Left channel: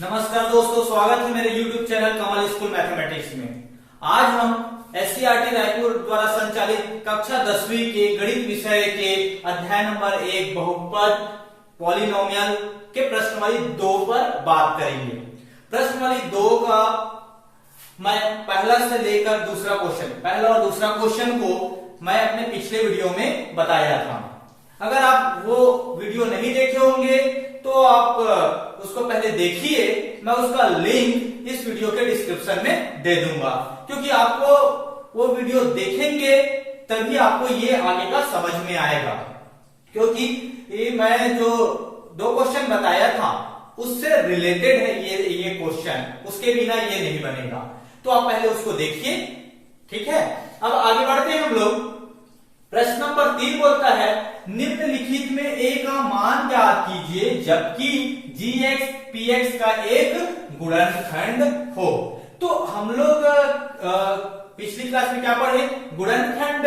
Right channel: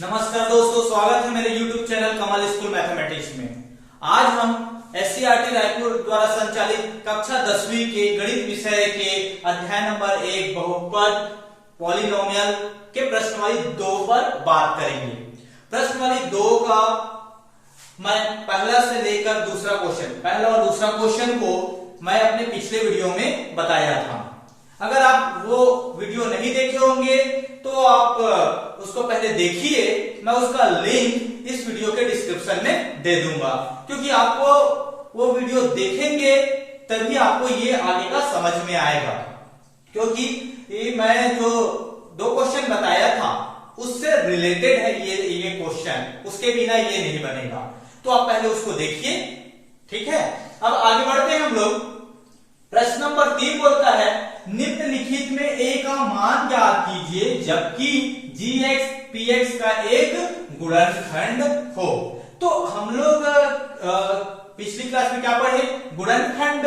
नमस्कार दोस्तों, स्वागत है मेरे YouTube चैनल कमल स्कूल मैथमेटिक्स में। आज हम SCERT रायपुर द्वारा संचालित कक्षा 10वीं के गणित विषय के अध्याय नंबर 1 बहुपद पॉलिनोमियल के प्रश्नावली 2 पर बात करेंगे। प्रश्नावली 2 का मैं पहला से लेकर दूसरा क्वेश्चन, पहला और दूसरा क्वेश्चन को मैं अपने पिछले वीडियो में बताया था। अगर आप वो वीडियो नहीं देखे होंगे तो आप उसको पहले देखिए, मैं उसका लिंक इस वीडियो के डिस्क्रिप्शन में दे दूंगा, क्योंकि आपको वो वीडियो देखेंगे तभी आपको ये आगे का समझ में आएगा। क्योंकि ये मैं जो 2 क्वेश्चन बताया था उससे रिलेटेड है ये क्वेश्चन, उसके बिना ये नहीं बनेगा। तो आप पहले उसको देखिए, ठीक है। अब आगे बढ़ते हैं हम लोग। प्रश्न नंबर 3 बोलता है निम्नलिखित में a का मान ज्ञात कीजिए जबकि gx px का एक गुणनखंड हो। तो हम लोग पिछली क्लास में क्या पढ़े, गुणनखंड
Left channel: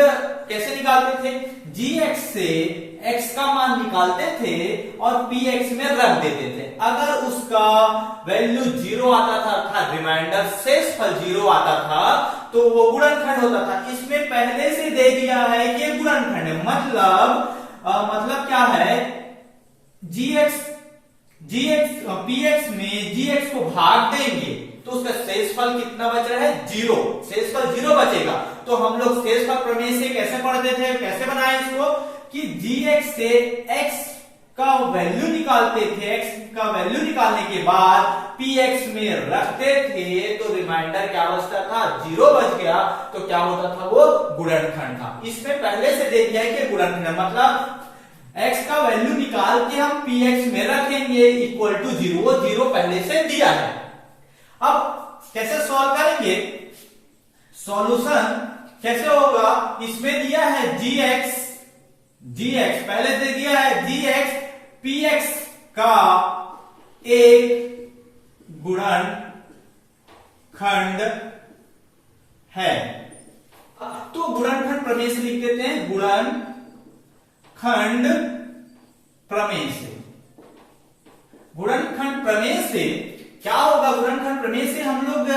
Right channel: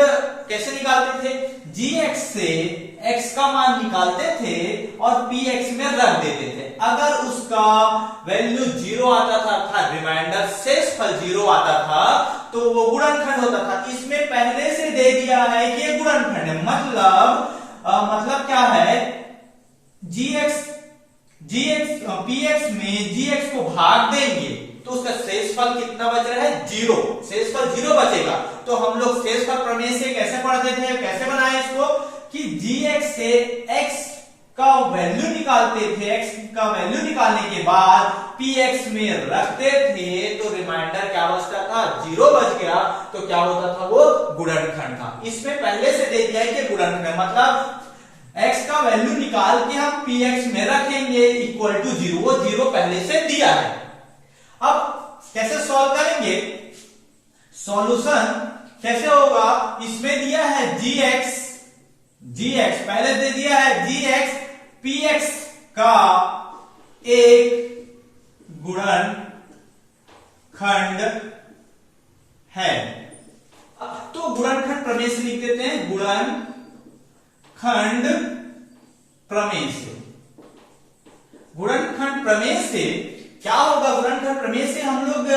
कैसे निकालते थे? gx से x का मान निकालते थे और px में रख देते थे। अगर उसका वैल्यू 0 आता था अर्थात रिमाइंडर शेषफल 0 आता था तो वो गुणनखंड होता था। इसमें पहले से दे दिया है कि ये गुणनखंड है, मतलब क्या है, px में gx को भाग देंगे तो उसका शेषफल कितना बच रहा है? 0। शेषफल 0 बचेगा। तो हम लोग शेषफल प्रमेय से कैसे पढ़ते थे, कैसे बनाए इसको कि gx से x का वैल्यू निकालते थे, x का वैल्यू निकालने के बाद px में रखते थे तो रिमाइंडर क्या बचता था? 0 बच गया। तो क्या होता था? वो गुणनखंड था। इसमें पहले से दे दिया है कि गुणनखंड, मतलब x का वैल्यू निकाल के हम px में रखेंगे इक्वल टू 0, वो 0 पहले से दिया है। अब कैसे सॉल्व करेंगे? सॉल्यूशन कैसे होगा? इसमें दिया है gx पहले दे दिया है gx px का एक गुणनखंड है। तो गुणनखंड प्रमेय से लिख देते हैं, गुणनखंड प्रमेय से। गुणनखंड प्रमेय से क्या होगा? गुणनखंड प्रमेय से हम लोग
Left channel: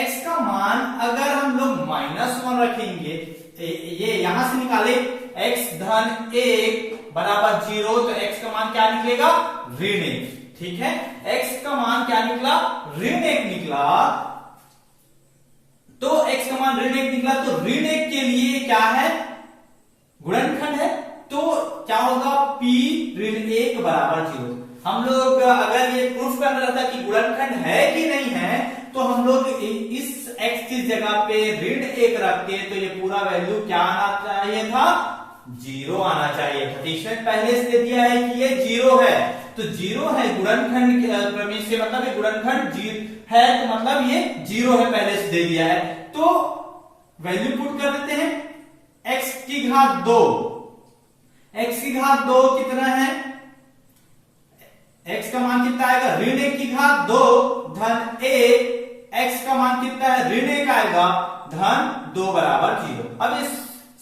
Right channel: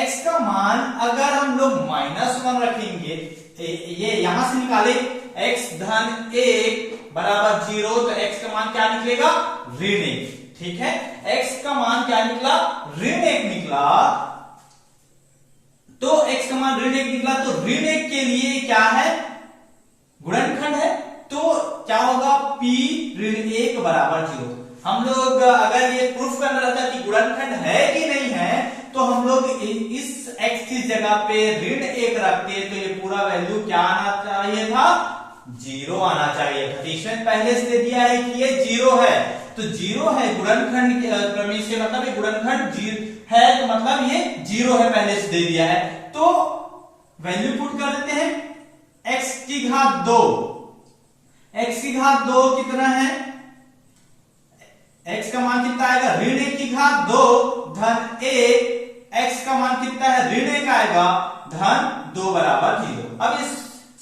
x का मान अगर हम लोग -1 रखेंगे तो ये यहां से निकाले x धन 1 बराबर 0 तो x का मान क्या निकलेगा? ऋण 1। ठीक है, x का मान क्या निकला? ऋण 1 निकला। तो x का मान ऋण 1 निकला तो ऋण 1 के लिए क्या है? गुणनखंड है। तो क्या होगा? p ऋण 1 बराबर 0। हम लोग अगर ये प्रूफ करना रहता कि गुणनखंड है कि नहीं है तो हम लोग इस x की जगह पे ऋण 1 रखते तो ये पूरा वैल्यू क्या आना चाहिए था? 0 आना चाहिए था। इसमें पहले से दे दिया है कि ये 0 है, तो 0 है गुणनखंड प्रमेय से, मतलब ये गुणनखंड 0 है तो मतलब ये 0 है, पहले से दे दिया है। तो वैल्यू पुट कर देते हैं, x की घात 2, x की घात 2 कितना है? x का मान कितना आएगा? ऋण 1 की घात 2 धन 1, x का मान कितना है? ऋण 1 आएगा धन 2 बराबर 0। अब इस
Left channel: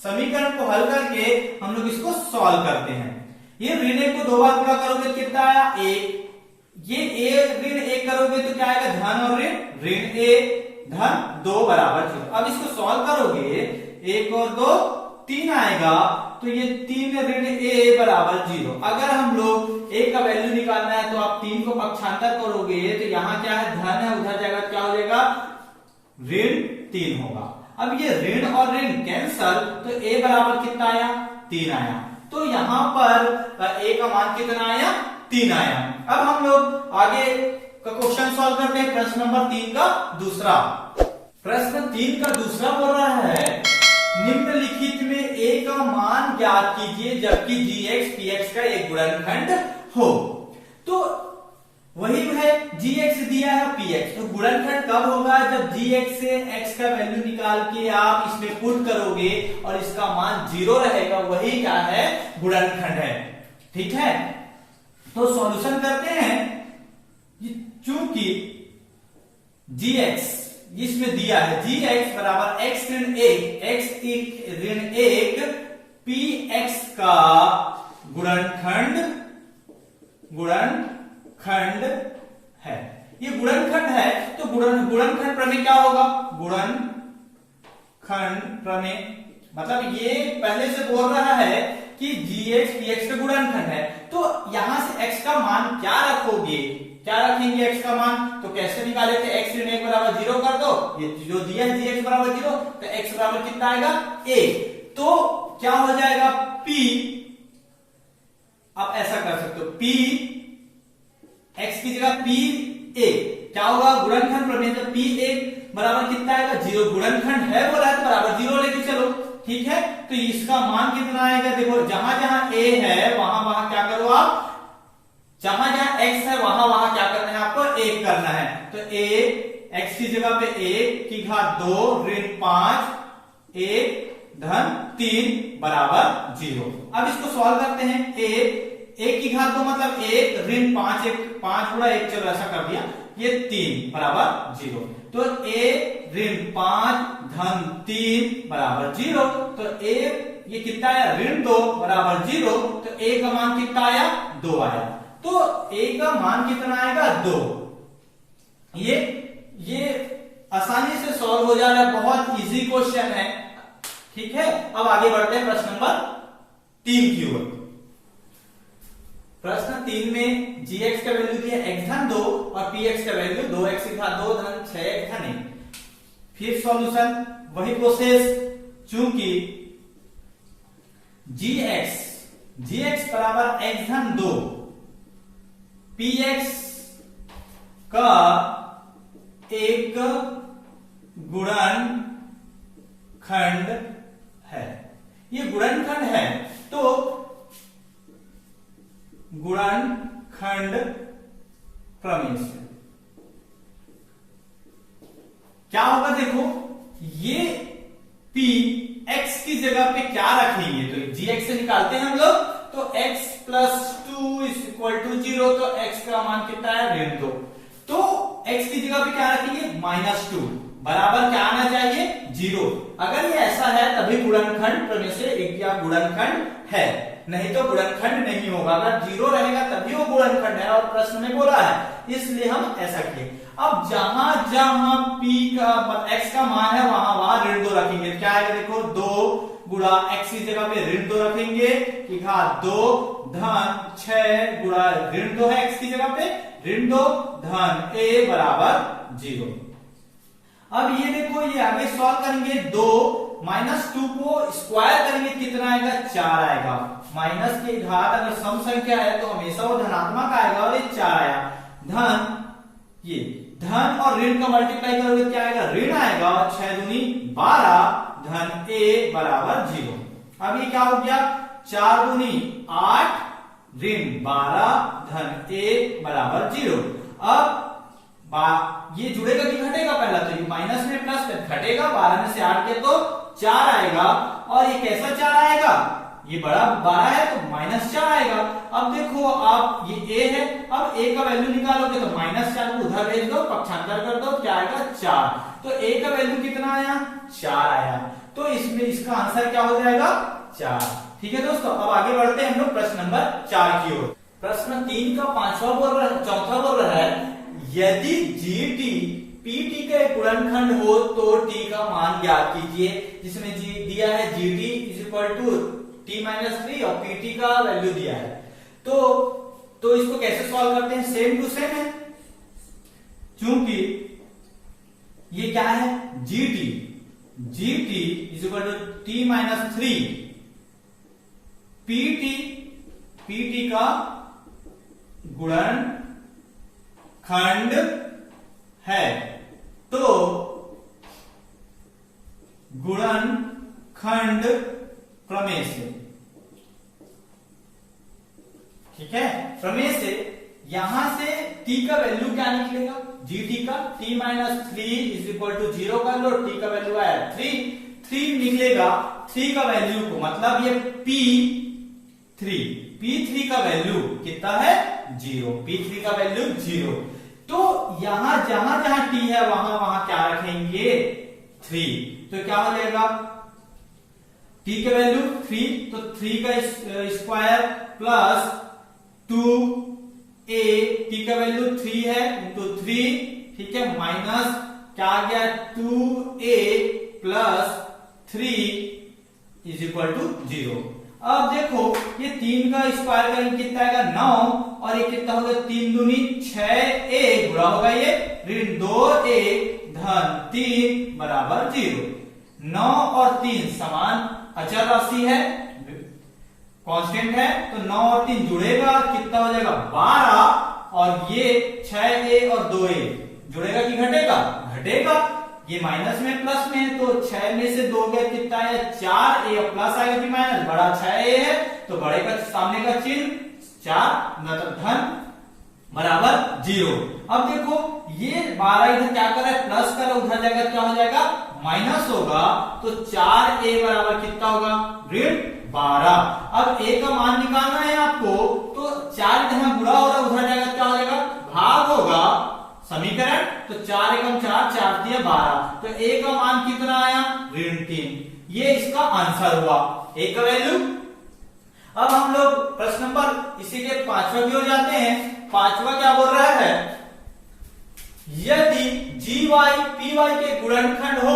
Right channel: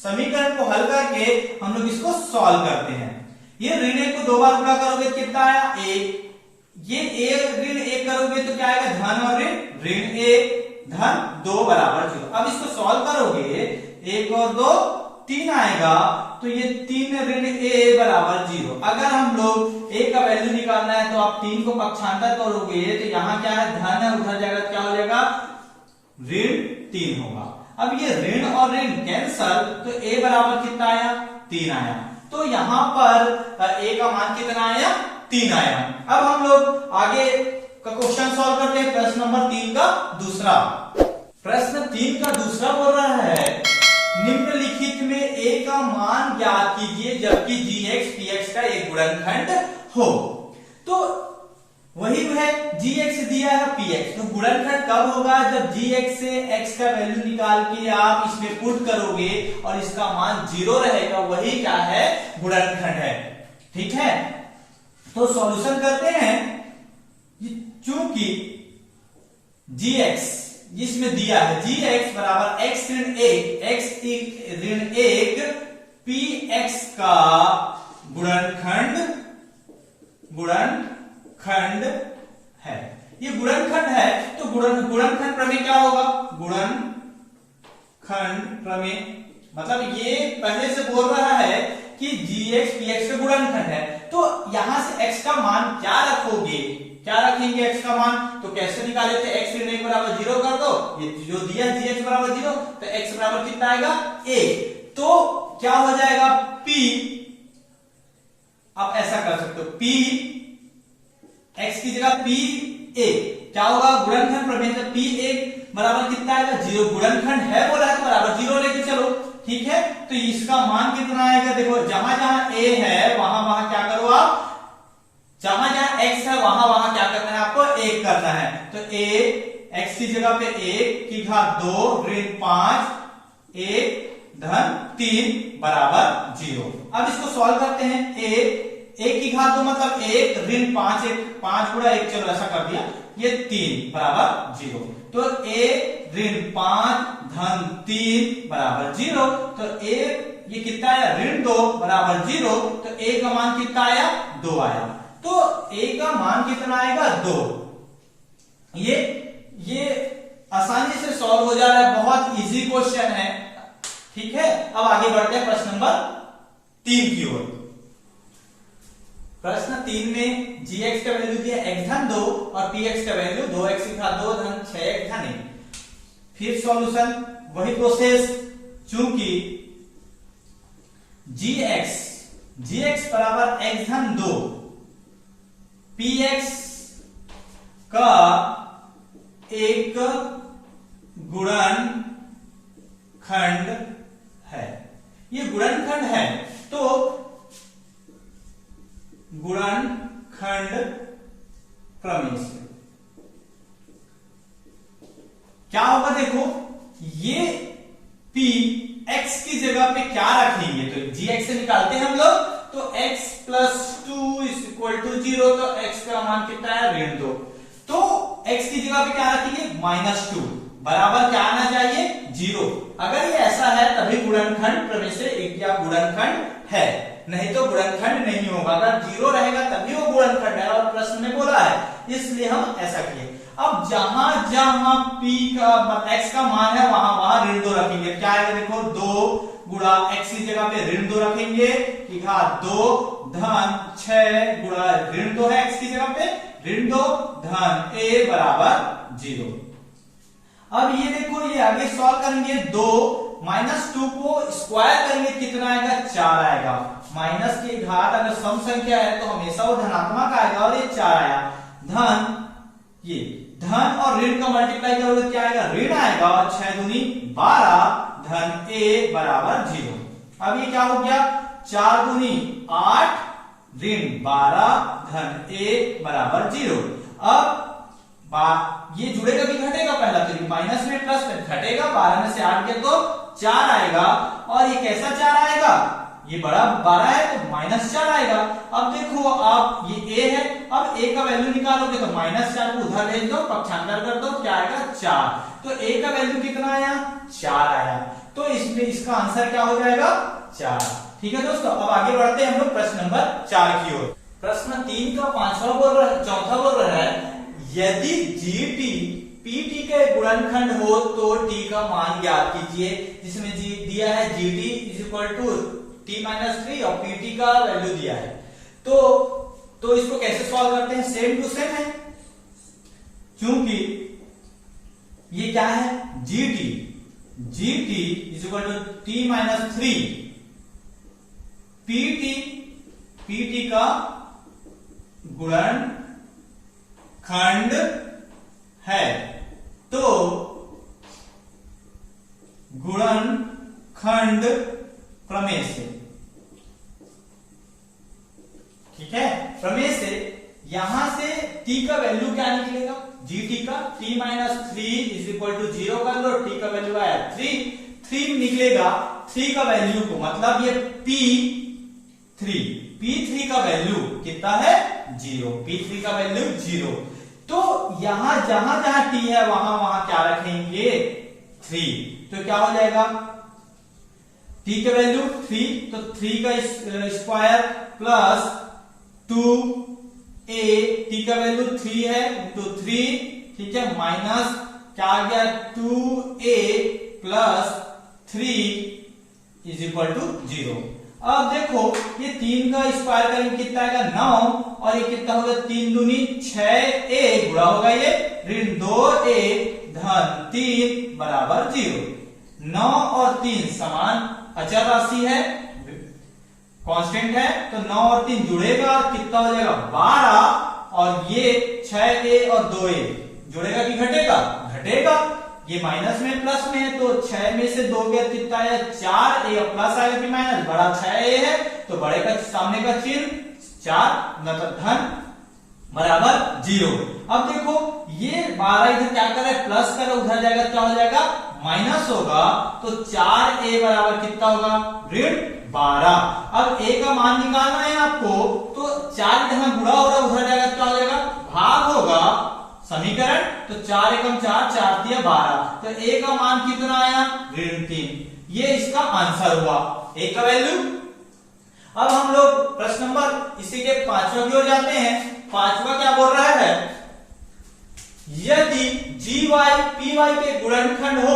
समीकरण को हल करके हम लोग इसको सॉल्व करते हैं। ये ऋण 1 को 2 बार गुणा करोगे तो कितना आया? 1। ये ऋण 1 करोगे तो क्या आएगा? धन और ऋण 1 धन 2 बराबर 0। अब इसको सॉल्व करोगे 1 और 2 3 आएगा तो ये 3 ऋण a बराबर 0। अगर हम लोग a का वैल्यू निकालना है तो आप 3 को पक्षांतर करोगे तो यहाँ क्या है? धन है, उधर जाएगा क्या हो जाएगा? ऋण 3 होगा। अब ये ऋण और ऋण कैंसल तो a बराबर कितना आया? 3 आया। तो यहां पर a का मान कितना आया? 3 आया। अब हम लोग आगे का क्वेश्चन सॉल्व करते हैं। प्रश्न नंबर 3 का दूसरा। प्रश्न 3 का दूसरा बोल रहा है निम्नलिखित में a का मान ज्ञात कीजिए जबकि gx px का एक गुणनखंड हो। तो वही है, gx दिया है px, तो गुणनखंड कब होगा? जब gx से x का वैल्यू निकाल के आप इसमें पुट करोगे और इसका मान 0 रहेगा, वही क्या है? गुणनखंड है। ठीक है, तो सॉल्यूशन करते हैं। चूंकि gx जिसमें दिया है gx बराबर x ऋण 1 px का गुणनखंड है। ये गुणनखंड है तो गुणनखंड प्रमेय क्या होगा? गुणनखंड प्रमेय मतलब ये पहले से बोल रहा है कि gx px का गुणनखंड है, तो यहां से x का मान क्या रखोगे? क्या रखेंगे x का मान? तो कैसे निकाले थे? x ऋण 1 बराबर 0 कर दो, ये जो दिया है gx बराबर 0, तो x बराबर कितना आएगा? a। तो क्या हो जाएगा? p, आप ऐसा कर सकते हो, p x की जगह p a क्या होगा? गुणनखंड प्रमेय तो p a बराबर कितना आएगा? 0। गुणनखंड है बोला है तो बराबर 0 लेके चलो, ठीक है। तो इसका मान कितना आएगा? देखो जहां जहां a है वहां वहां क्या करो आप, जहां जहां x है वहां वहां क्या करना है आपको? 1 करना है। तो a x की जगह पे 1 की घात 2 ऋण 5 1 धन 3 बराबर 0। अब इसको सॉल्व करते हैं। a 1 की घात 2 मतलब 1 ऋण 5 1 5 गुणा 1, चलो ऐसा कर दिया, ये 3 बराबर 0। तो a ऋण 5 धन 3 बराबर 0। तो a ये कितना आया? ऋण 2 बराबर 0। तो a का मान कितना आया? 2 आया। तो a का मान कितना आएगा? 2। ये आसानी से सॉल्व हो जा रहा है, बहुत इजी क्वेश्चन है, ठीक है। अब आगे बढ़ते हैं प्रश्न नंबर 3 की ओर। प्रश्न 3 में gx का वैल्यू दिया x धन 2 और px का वैल्यू 2x की घात 2 धन 6x धन 1। फिर सॉल्यूशन वही प्रोसेस, चूंकि gx बराबर x धन 2 px का एक गुणनखंड है, ये गुणनखंड है, तो गुणनखंड प्रमेय से क्या होगा? देखो ये p x की जगह पे क्या रखेंगे? तो gx से निकालते हैं हम लोग, तो x plus 2 is equal to 0। तो x का मान कितना है? ऋण 2। तो x की जगह पे क्या रखेंगे? -2 बराबर क्या आना चाहिए? 0। अगर ये ऐसा है तभी गुणनखंड प्रमेय से एक क्या गुणनखंड है, नहीं तो गुणनखंड नहीं होगा। अगर 0 रहेगा तभी वो गुणनखंड है, और प्रश्न में बोला है, इसलिए हम ऐसा किए। अब जहां जहां p का x का मान है वहां वहां ऋण 2 रखेंगे। क्या आएगा? देखो 2 गुणा x की जगह पे ऋण 2 रखेंगे की घात 2 धन 6 गुणा ऋण 2 है x की जगह पे ऋण 2 धन a बराबर 0। अब ये देखो ये आगे सॉल्व करेंगे, 2 -2 को स्क्वायर करेंगे, कितना आएगा? 4 आएगा। माइनस की घात अगर सम संख्या है तो हमेशा वो धनात्मक आएगा, और ये 4 आया। धन ये धन और ऋण का मल्टीप्लाई करोगे क्या आएगा? ऋण आएगा, और 6 दूनी 12 धन a बराबर 0। अब ये क्या हो गया? 4 दूनी 8 ऋण 12 धन a बराबर 0। अब ये जुड़ेगा कि घटेगा? पहला तो ये माइनस में प्लस में घटेगा, 12 में से 8 गया तो 4 आएगा, और ये कैसा 4 आएगा? ये बड़ा 12 है तो -4 आएगा। अब देखो आप ये a है, अब a का वैल्यू निकालोगे तो -4 को उधर भेज दो, पक्षांतर कर दो, क्या आएगा? 4। तो a का वैल्यू कितना आया? 4 आया। तो इसमें इसका आंसर क्या हो जाएगा? 4। ठीक है दोस्तों, अब आगे बढ़ते हैं हम लोग प्रश्न नंबर 4 की ओर। प्रश्न 3 का चौथा बोल रहा है, यदि gt pt का एक गुणनखंड हो तो t का मान ज्ञात कीजिए, जिसमें g दिया है gt is equal to t-3 और pt का वैल्यू दिया है। तो इसको कैसे सॉल्व करते हैं? सेम टू सेम है, क्योंकि ये क्या है? gt is equal to t-3 pt का गुणनखंड है, तो गुणनखंड प्रमेय से, ठीक है, प्रमेय से यहां से t का वैल्यू क्या निकलेगा? gt का t-3 इज इक्वल टू 0 कर लो, t का वैल्यू आया 3 निकलेगा। 3 का वैल्यू को मतलब ये p3 का वैल्यू कितना है? 0। p3 का वैल्यू 0। तो यहां जहां t है वहां वहां क्या रखेंगे? 3। तो क्या हो जाएगा? t का वैल्यू 3, तो 3 का स्क्वायर प्लस 2a ए, टी का वैल्यू 3 है, इंटू 3, ठीक है, माइनस क्या आ गया 2a plus 3 is equal to 0। अब देखो ये 3 का स्क्वायर करेंगे कितना आएगा 9, और ये कितना होगा 3 दूनी 6a, गुणा होगा ये ऋण 2a धन 3 बराबर 0। 9 और 3 समान अचर राशि है, कांस्टेंट है, तो 9 और 3 जुड़ेगा, कितना हो जाएगा 12, और ये 6a और 2a जुड़ेगा कि घटेगा, घटेगा। ये माइनस में प्लस में है, तो 6 में से 2 गया कितना है 4, a प्लस आएगा कि माइनस, बड़ा 6a है तो बड़े का सामने का चिन्ह 4 मतलब धन बराबर 0। अब देखो ये 12 इधर क्या कर रहा है प्लस कर रहा है, उधर जाएगा क्या हो जाएगा माइनस होगा, तो 4a बराबर कितना होगा ऋण 12। अब a का मान निकालना है आपको, तो 4 यहां गुणा हो रहा है, उधर जाएगा क्या हो जाएगा भाग होगा समीकरण, तो 4 एकम 4, 4 दिया 12, तो a का मान कितना आया ऋण 3। ये इसका आंसर हुआ a का वैल्यू। अब हम लोग प्रश्न नंबर इसी के 5वां की ओर जाते हैं। 5वां क्या बोल रहा है, यदि gy py के गुणनखंड हो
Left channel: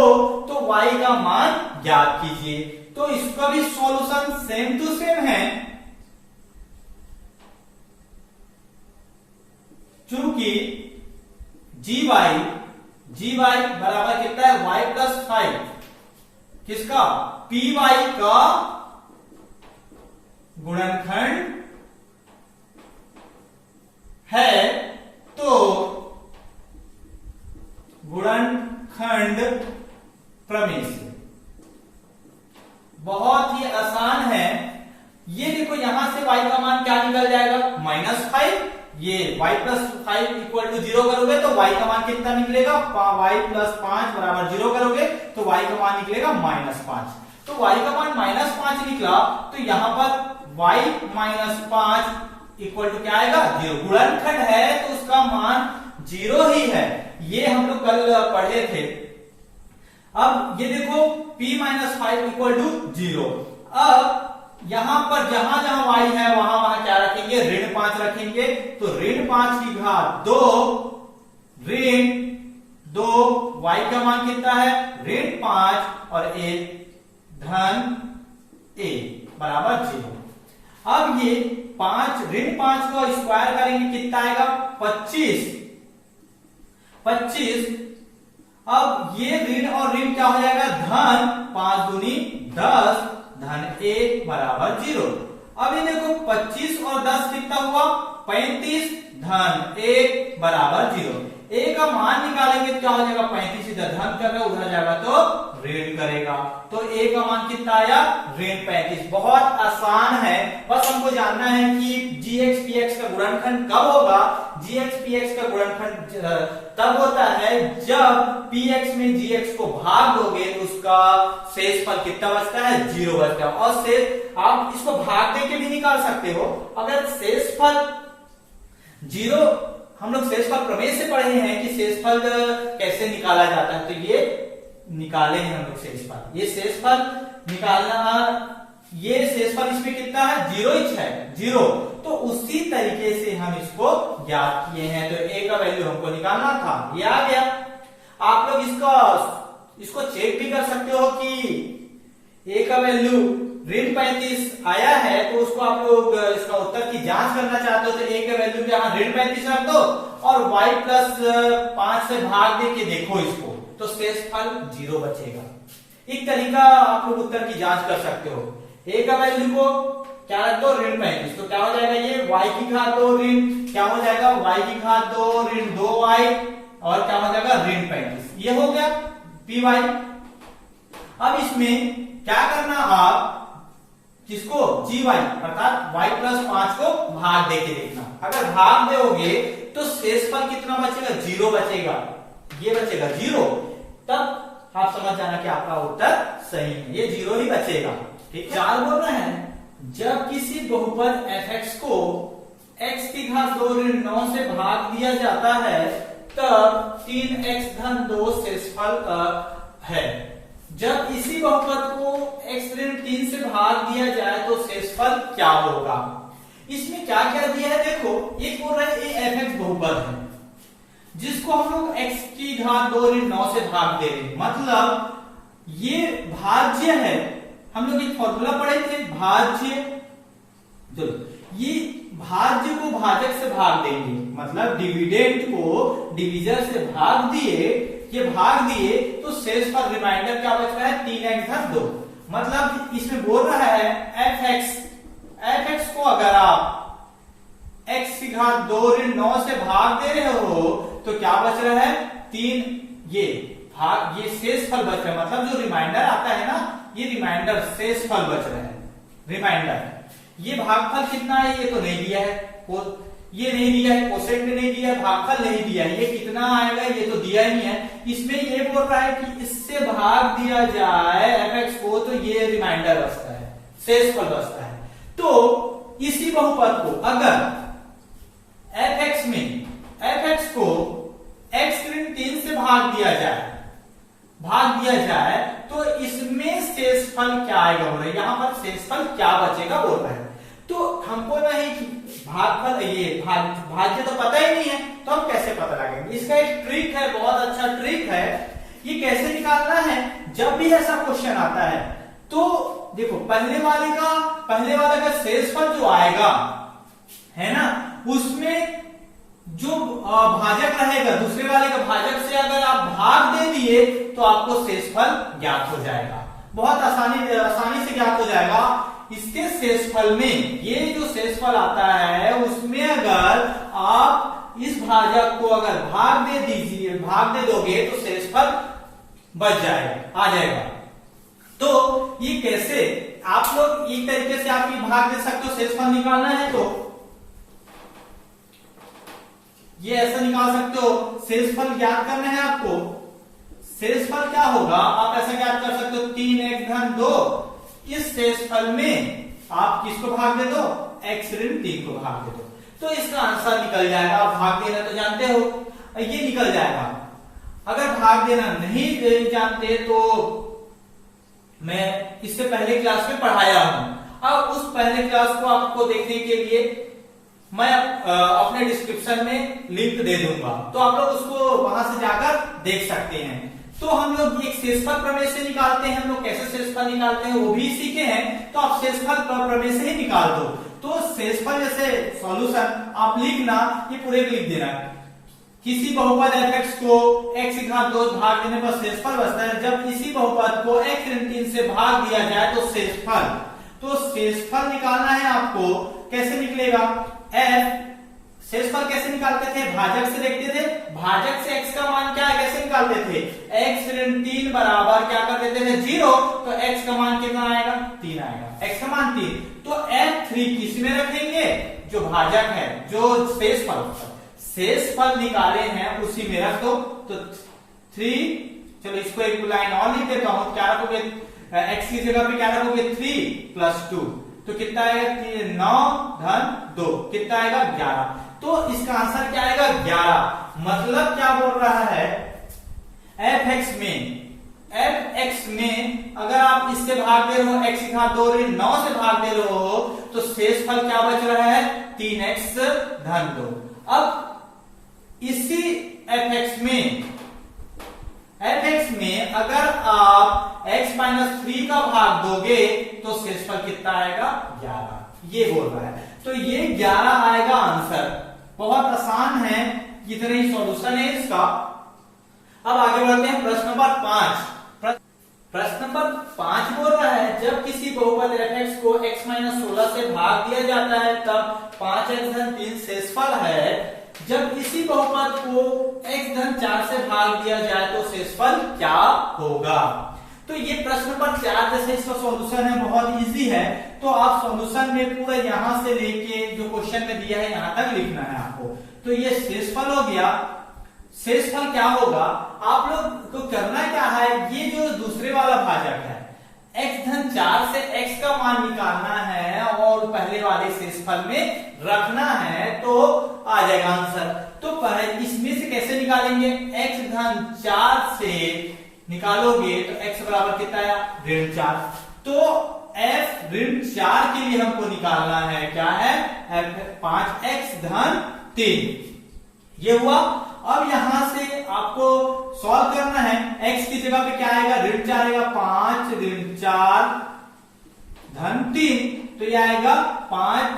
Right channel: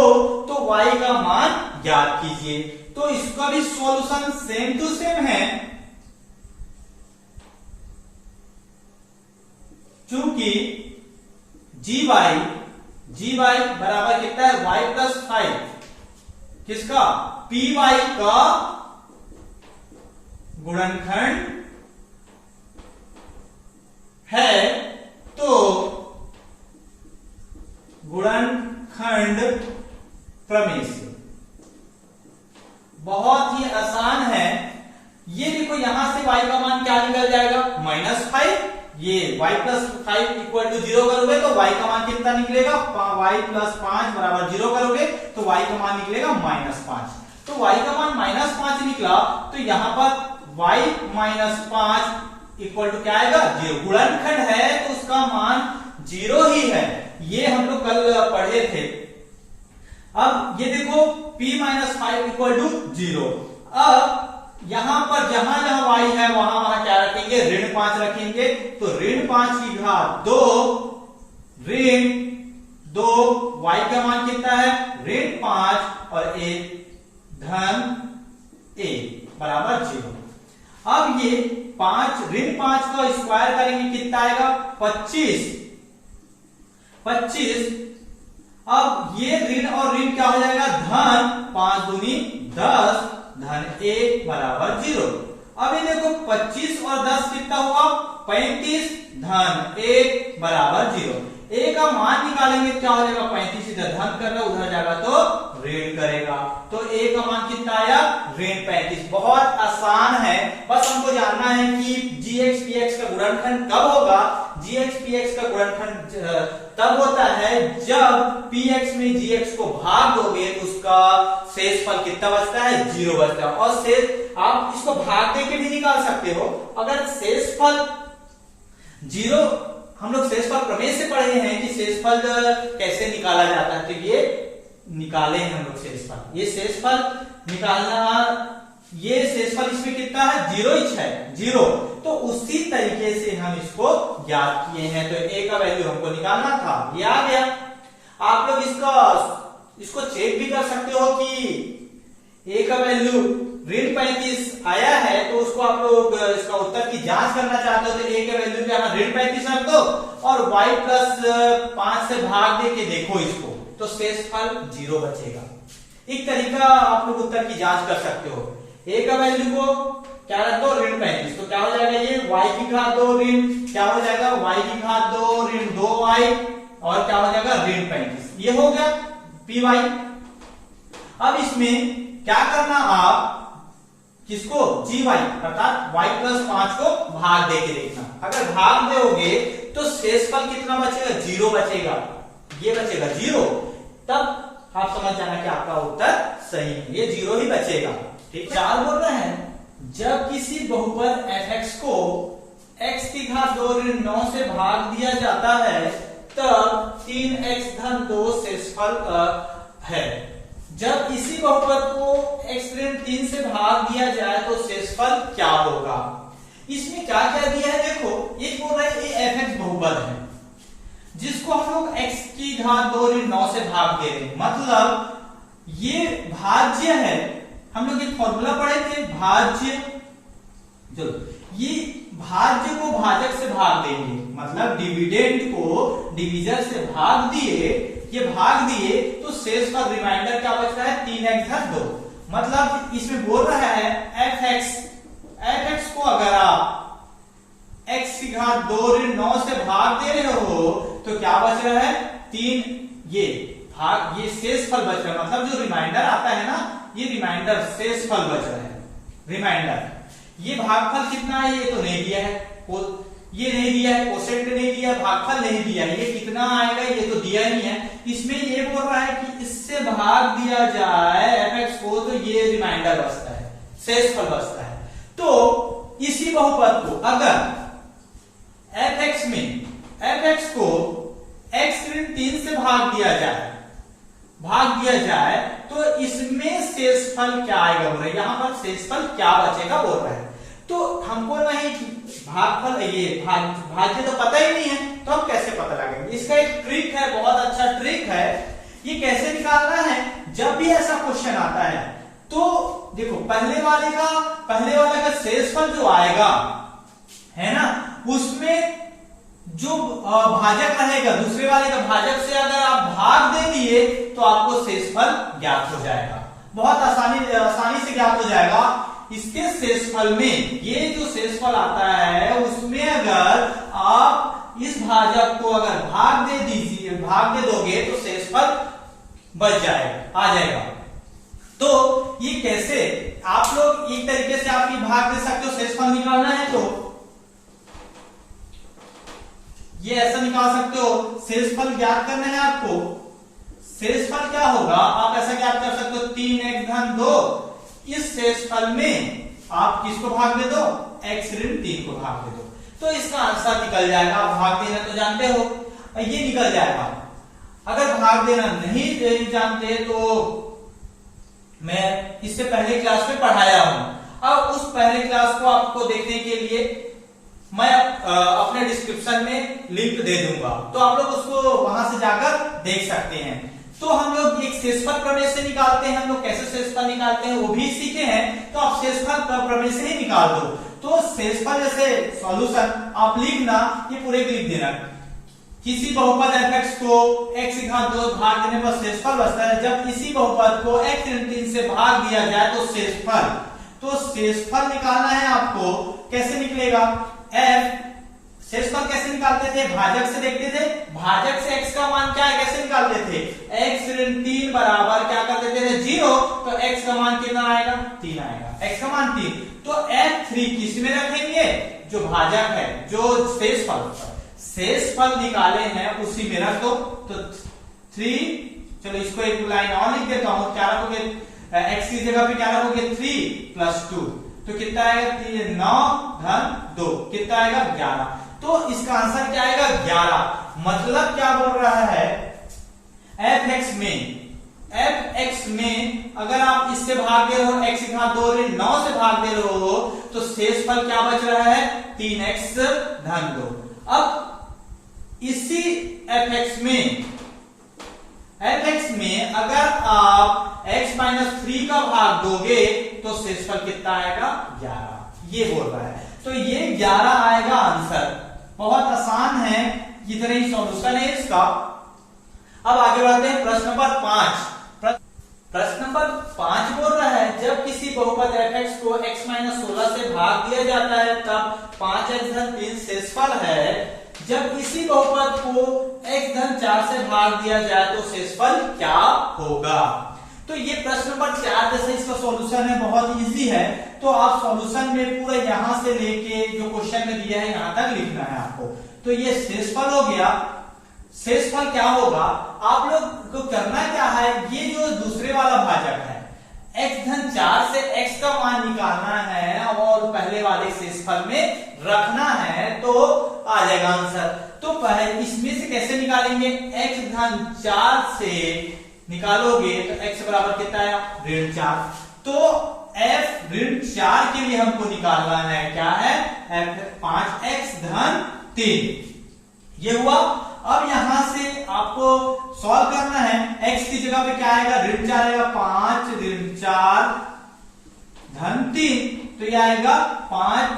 तो y का मान ज्ञात कीजिए। तो इसका भी सॉल्यूशन सेम टू सेम है, चूंकि gy बराबर कितना है y प्लस 5, किसका py का गुणनखंड है, तो गुणनखंड प्रमेय से बहुत ही आसान है। ये देखो यहां से y का मान क्या निकल जाएगा -5, ये y प्लस 5 इक्वल टू 0 करोगे तो y का मान कितना निकलेगा, y प्लस 5 बराबर 0 करोगे तो y का मान निकलेगा -5। तो y का मान -5 निकला, तो यहां पर y -5 इक्वल टू क्या आएगा 0। गुणनखंड है तो उसका मान 0 ही है, ये हम लोग कल पढ़े थे। अब ये देखो p -5 इक्वल टू 0। अब यहां पर जहां जहां y है वहां वहां क्या रखेंगे ऋण 5 रखेंगे, तो ऋण 5 की घात 2 ऋण 2, y का मान कितना है ऋण 5 और a धन a बराबर 0। अब ये 5 ऋण 5 का स्क्वायर करेंगे कितना आएगा 25। अब ये ऋण और ऋण क्या हो जाएगा धन, 5 दूनी 10 धन 1 बराबर 0। अब ये देखो 25 और 10 कितना हुआ 35 धन 1 बराबर 0। a का मान निकालेंगे क्या हो जाएगा 35, इधर धन कर रहा है उधर जाएगा तो ऋण करेगा, तो a का मान कितना आया ऋण 35। बहुत आसान है, बस हमको जानना है कि gx px का गुणनखंड कब होगा। gx px का गुणनखंड तब होता है जब px में gx को भाग दोगे तो उसका शेषफल कितना बचता है 0 बचता है, और शेष आप इसको भाग दे के भी निकाल सकते हो। अगर शेषफल 0, हम लोग शेषफल प्रमेय से पढ़े हैं कि शेषफल कैसे निकाला जाता है, तो ये निकाले हैं हम लोग शेषफल। ये शेषफल निकालना, ये शेषफल इसमें कितना है 0 है 0, तो उसी तरीके से हम इसको ज्ञात किए हैं। तो a का वैल्यू हमको निकालना था, ये आ गया। आप लोग इसको चेक भी कर सकते हो कि a का वैल्यू ऋण 35 आया है, तो उसको आप लोग इसका उत्तर की जांच करना चाहते हो तो a का वैल्यू यहाँ ऋण 35 रख दो और y प्लस 5 से भाग दे के देखो इसको, तो शेषफल 0 बचेगा। एक तरीका आप लोग उत्तर की जांच कर सकते हो। a का वैल्यू को क्या रख दो ऋण 35, तो क्या हो जाएगा ये y की घात 2 ऋण क्या हो जाएगा y की घात 2 ऋण 2y और क्या हो जाएगा ऋण 35, ये हो गया py। अब इसमें क्या करना आप किसको gy अर्थात y प्लस 5 को भाग दे के देखना। अगर भाग दोगे तो शेषफल कितना बचेगा 0 बचेगा, ये बचेगा 0, तब आप समझ जाना कि आपका उत्तर सही है, ये 0 ही बचेगा। ठीक, 4 बोल रहे हैं जब किसी बहुपद fx को x की घात 2 ऋण 9 से भाग दिया जाता है तब 3x धन 2 शेषफल है। जब इसी बहुपद को x ऋण 3 से भाग दिया जाए तो शेषफल क्या होगा। इसमें क्या क्या दिया है देखो, एक बोल रहा है ये fx बहुपद है जिसको हम लोग x की घात 2 ऋण 9 से भाग दे रहे हैं, मतलब ये भाज्य है। हम लोग एक फॉर्मूला पढ़े थे भाज्य, चलो ये भाज्य को भाजक से भाग देंगे, मतलब डिविडेंड को डिविजन से भाग दिए, ये भाग दिए तो शेष पर रिमाइंडर क्या बच रहा है 3x घात 2। मतलब इसमें बोल रहा है fx को अगर आप x की घात 2 ऋण 9 से भाग दे रहे हो तो क्या बच रहा है 3, ये भाग ये शेष फल बच रहा है, मतलब जो रिमाइंडर आता है ना ये रिमाइंडर शेष फल बच रहा है रिमाइंडर। ये भागफल कितना है ये तो नहीं दिया है, ये नहीं दिया है, कोसेंट नहीं दिया है, भागफल नहीं दिया है, ये कितना आएगा ये तो दिया ही नहीं है। इसमें ये बोल रहा है कि इससे भाग दिया जाए fx को तो ये रिमाइंडर बचता है, शेषफल बचता है। तो इसी बहुपद को अगर fx को x ऋण 3 से भाग दिया जाए तो इसमें शेषफल क्या आएगा बोल रहे हैं, यहां पर शेषफल क्या बचेगा बोल रहा है। तो हमको नहीं भागफल ये भाज्य तो पता ही नहीं है, तो हम कैसे पता लगाएंगे। इसका एक ट्रिक है, बहुत अच्छा ट्रिक है। ये कैसे निकालना है, जब भी ऐसा क्वेश्चन आता है तो देखो पहले वाले का शेषफल जो आएगा है ना, उसमें जो भाजक रहेगा दूसरे वाले का भाजक से अगर आप भाग दे दिए तो आपको शेषफल ज्ञात हो जाएगा, बहुत आसानी से ज्ञात हो जाएगा। इसके शेषफल में ये जो शेषफल आता है उसमें अगर आप इस भाजक को अगर भाग दे दोगे तो शेषफल बच जाएगा, आ जाएगा। तो ये कैसे आप लोग एक तरीके से आप ये भाग दे सकते हो, शेषफल निकालना है तो ये ऐसा निकाल सकते हो। शेषफल ज्ञात करना है आपको, शेषफल क्या होगा आप ऐसा ज्ञात कर सकते हो 3x धन 2, इस शेषफल में आप किसको भाग दे दो, x ऋण 3 को भाग दे दो, तो इसका आंसर निकल जाएगा। आप भाग देना तो जानते हो, ये निकल जाएगा। अगर भाग देना नहीं जानते तो मैं इससे पहले क्लास में पढ़ाया हूं, अब उस पहले क्लास को आपको देखने के लिए मैं अपने डिस्क्रिप्शन में लिंक दे दूंगा, तो आप लोग उसको वहां से जाकर देख सकते हैं। तो हम लोग एक शेषफल प्रमेय से निकालते हैं, हम लोग कैसे शेषफल निकालते हैं वो भी सीखे हैं, तो आप शेषफल प्रमेय से ही निकाल दो। तो शेषफल जैसे सॉल्यूशन आप लिखना, ये पूरे लिख देना, किसी बहुपद fx को x की घात 2 भाग देने पर शेषफल बचता है, जब इसी बहुपद को x ऋण 3 से भाग दिया जाए तो शेषफल। तो शेषफल निकालना है आपको, कैसे निकलेगा, शेषफल कैसे निकालते थे, भाजक से देखते थे, भाजक से x का मान क्या है कैसे निकालते थे, x ऋण 3 बराबर क्या कर देते थे 0, तो x का मान कितना आएगा 3 आएगा, x का मान 3। तो f3 किस में रखेंगे, जो भाजक है, जो शेषफल निकाले हैं उसी में रखो, तो 3, चलो इसको एक लाइन और लिख देता हूं, क्या रखोगे x की जगह पे क्या रखोगे 3 + 2, तो कितना आएगा 9 धन 2, कितना आएगा 11। तो इसका आंसर क्या आएगा 11। मतलब क्या बोल रहा है, fx में अगर आप इससे भाग दे रहे हो x की घात 2 ऋण 9 से भाग दे रहे हो तो शेषफल क्या बच रहा है 3x धन 2। अब इसी fx में अगर आप x - 3 का भाग दोगे तो शेषफल कितना आएगा 11, ये बोल रहा है। तो ये 11 आएगा आंसर, बहुत आसान है, इतना ही सॉल्यूशन है इसका। अब आगे बढ़ते हैं प्रश्न नंबर 5। प्रश्न नंबर 5 बोल रहा है जब किसी बहुपद fx को x - 16 से भाग दिया जाता है तब 5x धन 3 शेषफल है, जब इसी बहुपद को x धन 4 से भाग दिया जाए तो शेषफल क्या होगा। तो ये प्रश्न नंबर 4 जैसे इसका सॉल्यूशन है, बहुत इजी है। तो आप सॉल्यूशन में पूरा यहां से लेके जो क्वेश्चन में दिया है यहां तक लिखना है आपको। तो ये शेषफल हो गया। शेषफल क्या होगा, आप लोग को करना क्या है, ये जो दूसरे वाला भाजक है x धन 4 से x का मान निकालना है और पहले वाले शेषफल में रखना है, तो आ जाएगा आंसर। तो पहले इसमें से कैसे निकालेंगे, x धन 4 से निकालोगे तो x बराबर कितना आया ऋण 4। तो f ऋण 4 के लिए हमको निकालना है, क्या है, 5x धन 3 ये हुआ। अब यहां से आपको सॉल्व करना है, x की जगह पे क्या आएगा, ऋण 4 आएगा, 5 ऋण 4 धन 3, तो ये आएगा 5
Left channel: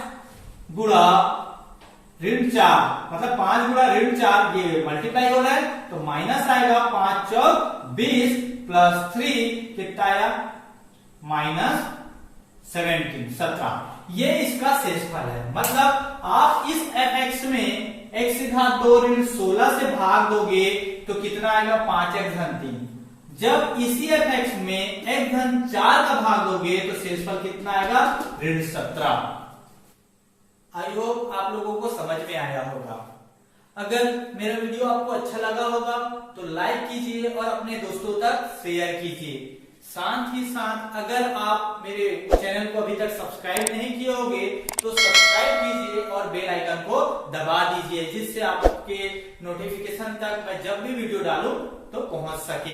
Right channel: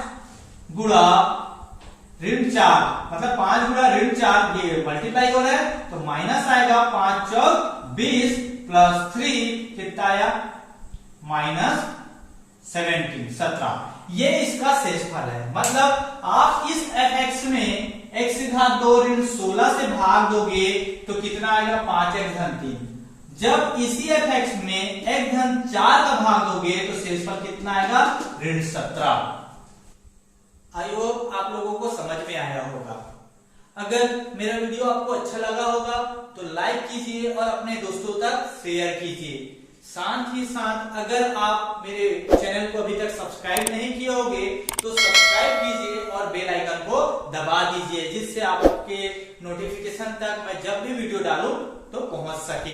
गुणा ऋण 4, मतलब 5 गुणा ऋण 4, ये मल्टीप्लाई हो रहा है तो माइनस आएगा, 5 चौक 20 प्लस 3 कितना आया, -17। ये इसका शेषफल है। मतलब आप इस fx में x की घात 2 ऋण 16 से भाग दोगे तो कितना आएगा, 5x धन 3। जब इसी fx में x धन 4 का भाग दोगे तो शेषफल कितना आएगा, ऋण 17। आई होप आप लोगों को समझ में आया होगा। अगर मेरा वीडियो आपको अच्छा लगा होगा तो लाइक कीजिए और अपने दोस्तों तक शेयर कीजिए। साथ ही साथ अगर आप मेरे चैनल को अभी तक सब्सक्राइब नहीं किए होंगे तो सब्सक्राइब कीजिए और बेल आइकन को दबा दीजिए, जिससे आपके नोटिफिकेशन तक मैं जब भी वीडियो डालूं तो पहुंच सके।